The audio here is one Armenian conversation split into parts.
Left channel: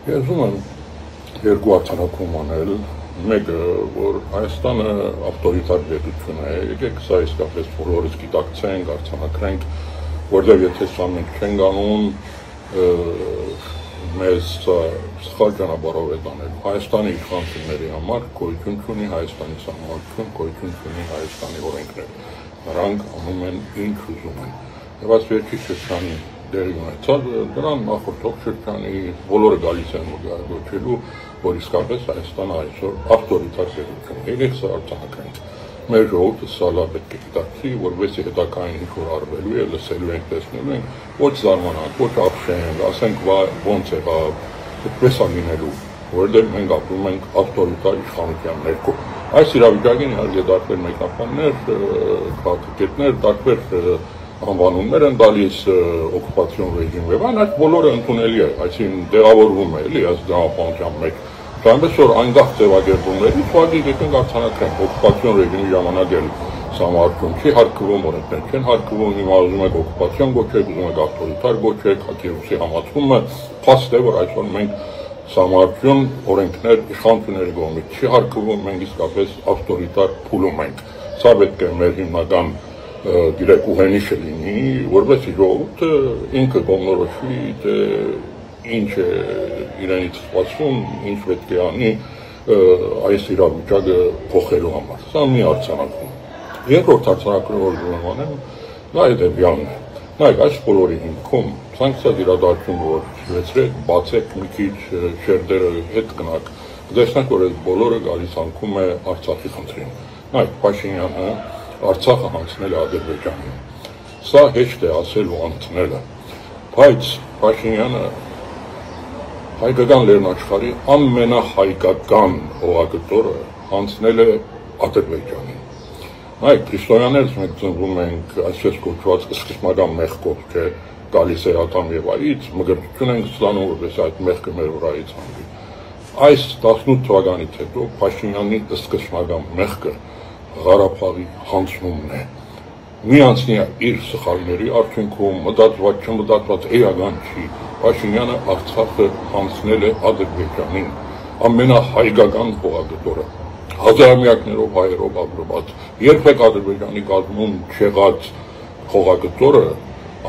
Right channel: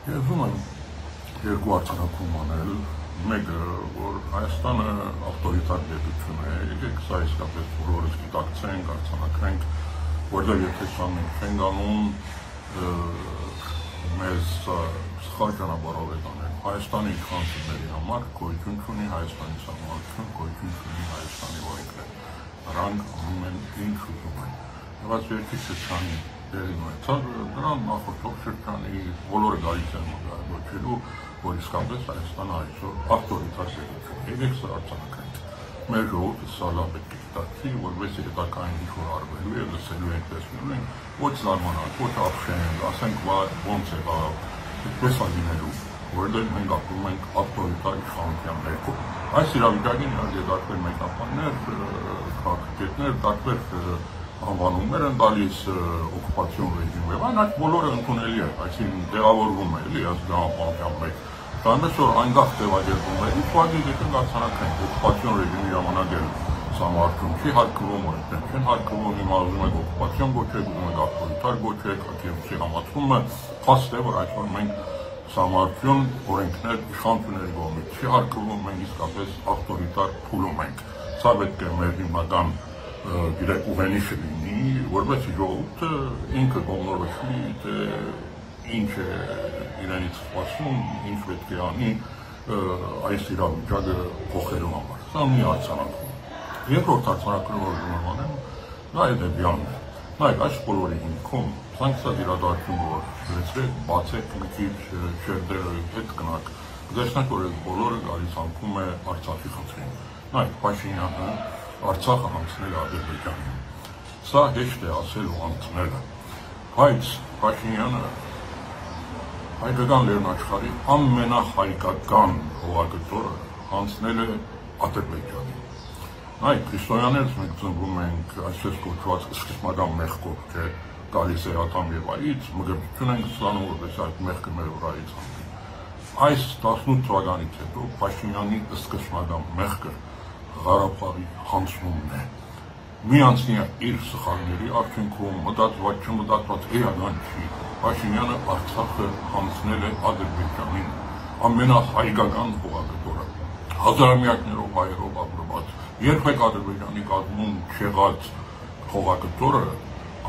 Ես ուզում եմ երկու արձանագրում անել, մեկը, որ Հայաստանը ավտորիտար պետություն է, եկեք սա իսկապես բոլորս գիտակցենք, արձանագրենք, որտեղ եթե սա մենք չենք անում, մեզ սխալ ճանապարհով է տանել։ Հայաստանի իշխանությունների համար գոյություն չունի Հայաստանի սահմանություն, գոյություն չունի Հայաստանի օրենքներ։ Նրանք անում են ինչ ուզում են։ Եվ այս վերջի շրջանի դերի ունեցած դրան նախորդող շրջանի բոլորը գալիս են գոչելու, որ իսկապես Հայաստանը այսօր ավտորիտար պետություն է։ Եկեք սա արձանագրենք։ Մեր ժողովուրդը սա լավ պետք է գիտակցի, որովհետեւ հետագային ինչ-որ արվելու է, լսելու ենք, տեսնելու ենք, ոչ զարմանանք, ոչ ապշենք, ասենք ոնց եղավ, այդպես է լինելու, որովհետեւ մենք ապրում ենք ավտորիտար իշխանության ներքո։ Այս իրավիճակին իհարկե տարբեր մեկնաբաններ, քաղաքագետներ, տարբեր անվանումներ են տալիս օկուպացիոն ռեժիմ եւ այն, այդ բոլորը ընդունելի է, այսինքն տեղավորվում է, էլի, այս դրամապանության մեջ։ Այնպես որ այնտեղ տեղակերպումներից ուղղակի եկենք արձանագրենք օկուպացիոն ռեժիմի ժամանակ էլ սահմանություն չի հարկվում, օրենքներ չեն հարկվում, հիմա ուզում եք օկուպացիոն գոչեք, ուզում եք ավտորիտար գոչեք, Կիևի համացումը փաստ է, որ այսօր մենք սահմանություն օրենքներ իշխանությունների կողմից չի հարկվում, մենք իսկապես ավտորիտար փուլում ենք։ Սա պետք է մեր հիմնական գիտեք ուղենիշը լինի, որովհետեւ ժողովուրդը ինքը կողմնորոշվի, թե ինչ է իրենից սպասում, ինչ պետք է անի այս իրավիճակը փոխելու համար։ Սա մի արձանագրում։ Երկրորդ արձանագրումը, որ ուզում եմ անել, դա հետևյալն է։ Նայեք, այս բոլորի հիմքում ցանկացած իրադարձություն, որ շվեցրեք, բացեք մի քիչ շերտերը հետ գնաք, տեսնեք, որ այս բոլորը գալիս անկում է Արցախի խնդրին։ Նայեք, Փաշինյանը Արցախը հանձնել է Ադրբեջանին։ Սա հեշտ է ասել ու ընդունելը, բայց Փաշինյանը հայկական լեռնաշխարհի ամենահայկական հողագտորը հանձնել է Ադրբեջանին։ Նայեք, քրիստոնյաներս մենք ծնվում ենք այսպես կոչված սկզբնական մեղքով, թե գալիս է ակամ եւ այից, մգրտություն ենք ստանում, որպես այդ մեղքը մեր վրայից հանդի։ Այս 18 թվականից հետո Փաշինյանի սկզբնական մեղքը Ղարաբաղի հանձնումն է։ Մի անցնի իր սխալների արդյունքում մտածված չմտածված էական չի, Փաշինյանը Արցախը հանձնել է Ադրբեջանին, ամենահայկական հողագտորը, հազարամյակներով հայերով ապրված, երբեք Ադրբեջանի կազմում չեղած հողագտորը,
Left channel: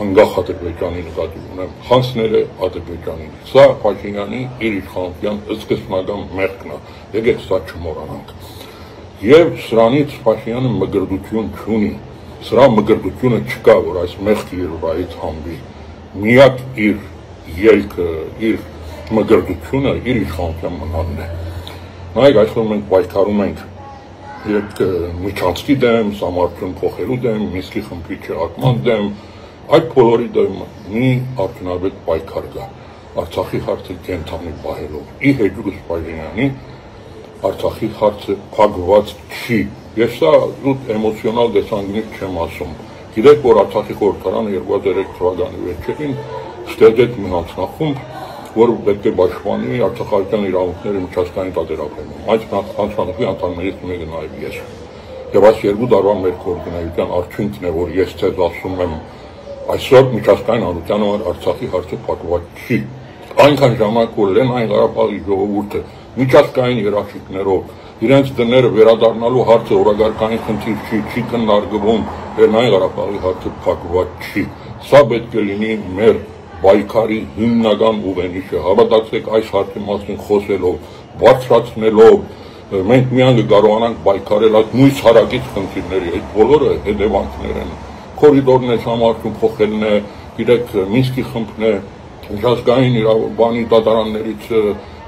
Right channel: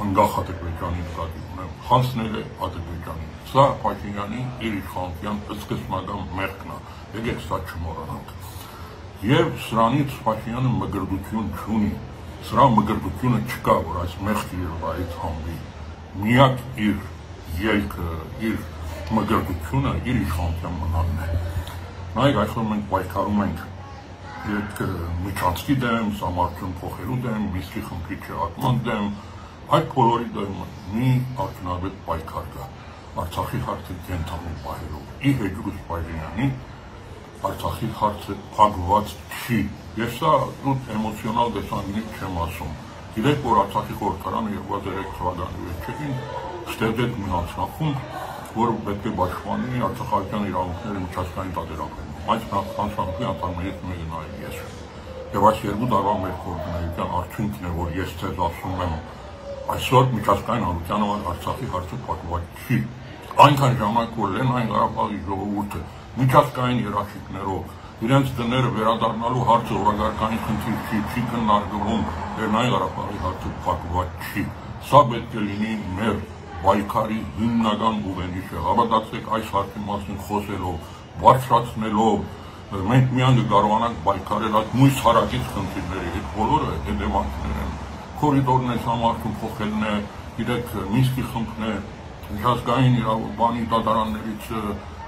անկախ Ադրբեջանի նկատի ունեմ, հանձնել է Ադրբեջանին։ Սա Փաշինյանի իր իշխանության սկզբնական մեղքն է, եկեք սա չմոռանանք։ Եվ սրանից Փաշինյանը մգրտություն չունի, սրա մգրտությունը չկա, որ այս մեղքի իր վրայից հանվի։ Միակ իր ելքը, իր մգրտությունը իր իշխանության մնալն է։ Նայեք, այսօր մենք պայքարում ենք միջանցքի դեմ, սահմանություն փոխելու դեմ, Մինսկի խմբի չեղարկման դեմ, այդ բոլորի դեմ մի արդյունավետ պայքար կա, Արցախի հարցը կենթանի պահելով։ Ի հեճուկս Փաշինյանի Արցախի հարցը փակված չի։ Ես սա էմոցիոնալ դեսանգնից չեմ ասում։ Գիտեք, որ Արցախի խորհրդարանը 2003 թվականի վերջերին ստեղծեց մի հանձնախումբ, որ պետք է պաշտպանի արցախական իրավունքները միջազգային պատերազմում։ Այս հանձնախմբի անդամներից մեկը նաև ես։ Եվ այս երկու տարվա մեր կոորդինացիան արդյունքն է, որ ես ձեզ ասում եմ, այսօր միջազգային հանրության համար Արցախի հարցը փակված չի։ Այնքան ժամանակ, որ Լեռնային Ղարաբաղի ժողովուրդը միջազգային երաշխիքներով իրենց դները վերադառնալու հարցը օրագարկային խնդիր չի քննարկվում, Լեռնային Ղարաբաղի հարցը փակված չի։ Սա պետք է լինի մեր պայքարի հիմնական ուղենիշը, հավատացեք այս հարցի մասին խոսելով, բարձրացնելով, մենք միայն կարողանանք պայքարել այդ նույն հարակից խնդիրների, այդ բոլորը հետևանքներ են, կորիդորներ համարտում փոխելն է, գիտեք, Մինսկի խմբն է, միջազգային իրավաբանի դատարաններից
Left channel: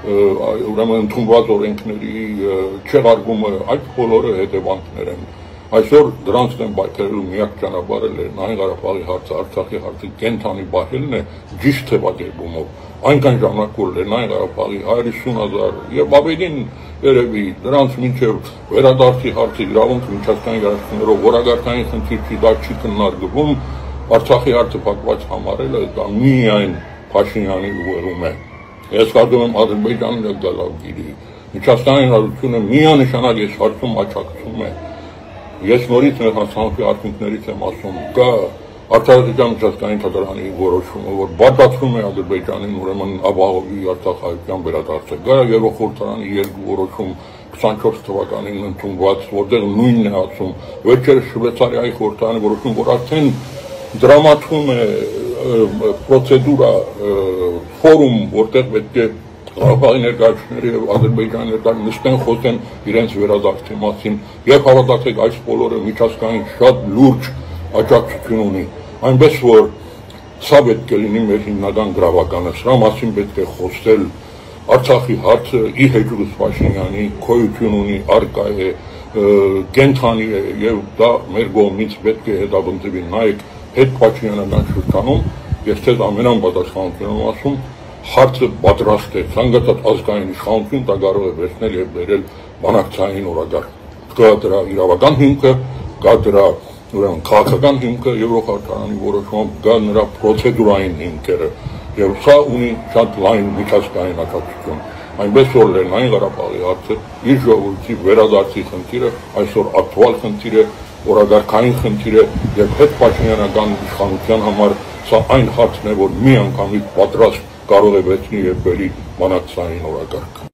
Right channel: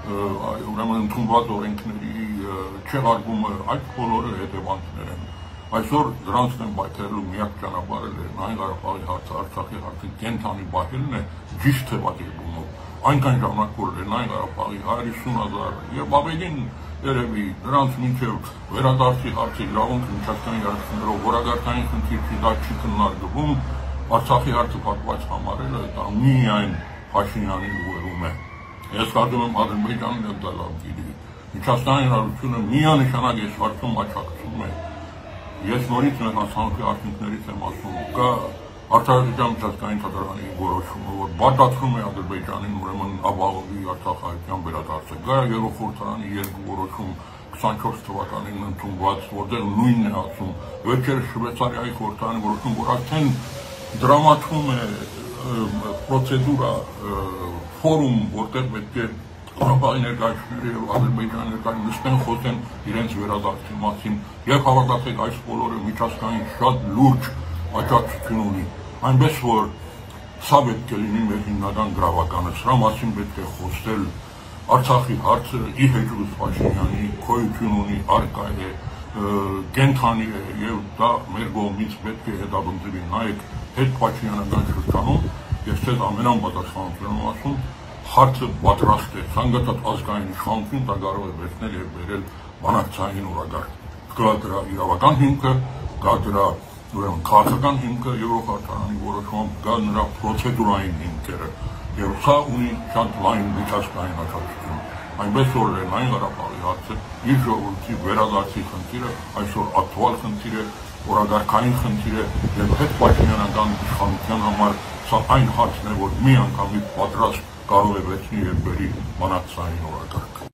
ուրեմն ընդունված օրենքների չեղարկումը, այդ բոլորը հետևանքներ են։ Այսօր դրանց դեմ պայքարելու միակ ճանապարհը Լեռնային Ղարաբաղի հարցը, Արցախի հարցը կենթանի պահելն է ճիշտ թվակերպումով։ Այնքան ժամանակ, որ Լեռնային Ղարաբաղի 150,000 եւ ավելին երևի դրանց մինչեւ վերադարձի հարցը իրավունք միջազգային երաշխիքներով օրագարկային խնդիր չի, դա չի քննարկվում, Արցախի հարցը փակված համարելը դա միայն Փաշինյանի ուղեղում է։ Ես կարծում եմ Ադրբեջանին էլ դա լավ գիտի։ Միջազգային հանրությունը միանշանակ այս հարցում աջակցում է։ Ես նորից մեր հանձնախմբի արդյունքներից եմ ասում, կա Արտադրության միջազգային թատրոնի որոշումը, որ բացատրում է Ադրբեջանին ուրեմն ապահովի Արցախայցյան վերադարձը, Ղարաբաղի խորհրդարանի երկու որոշում 24 թվականին ընդունված, որտեղ նույնն է ասում, վերջերս Շվեյցարիայի խորհրդարանի որոշում, որ արդեն դրամատվում է պրոցեդուրա, ֆորում, որտեղ պետք է Ղարաբաղի ներկայացուցիչները եւ Ադրբեջանի ներկայացուցիչները նստեն խոսեն իրենց վերադարձի մասին, եւ հավատացեք, այս բոլորը միջազգային շատ լուրջ աջակցություն ունի, այնպես որ սա պետք է լինի մեր հիմնական գրավականը, սրա մասին պետք է խոսել, Արցախի հարցը ի հեճուկս Փաշինյանի գոյություն ունի, առկա է, կենթանի է եւ դա մեր կողմից պետք է հետապնդվի, նայեք հետ Փաշինյանական շրջանում, ես ձեզ ամենապատասխանատվորն եմ ասում, հարցը պատրաստ է, ցանկացած ազգային իշխանություն դա կարող է վերցնել եւ բերել բանակցային օրագար, կա դրա իրավական հիմքը, կա դրա ուրեմն քաղաքական հիմքը Եվրոխորհրդարանի որոշումով, կա նրա պրոցեդուրային հիմքերը եւ սա ունի շատ լայն միջազգային աջակցություն, այնպես որ Լեռնային Ղարաբաղի հարցը իր ժողովրդի վերադարձի խնդիրը այսօր ակտուալ խնդիր է, օրագարկային խնդիր է եւ հետ Փաշինյանական իշխանության համար սա այն հարցն է, որ մի անգամից պատրաստ կարող է վերցնի եւ բերի բանակցային օրագարկ։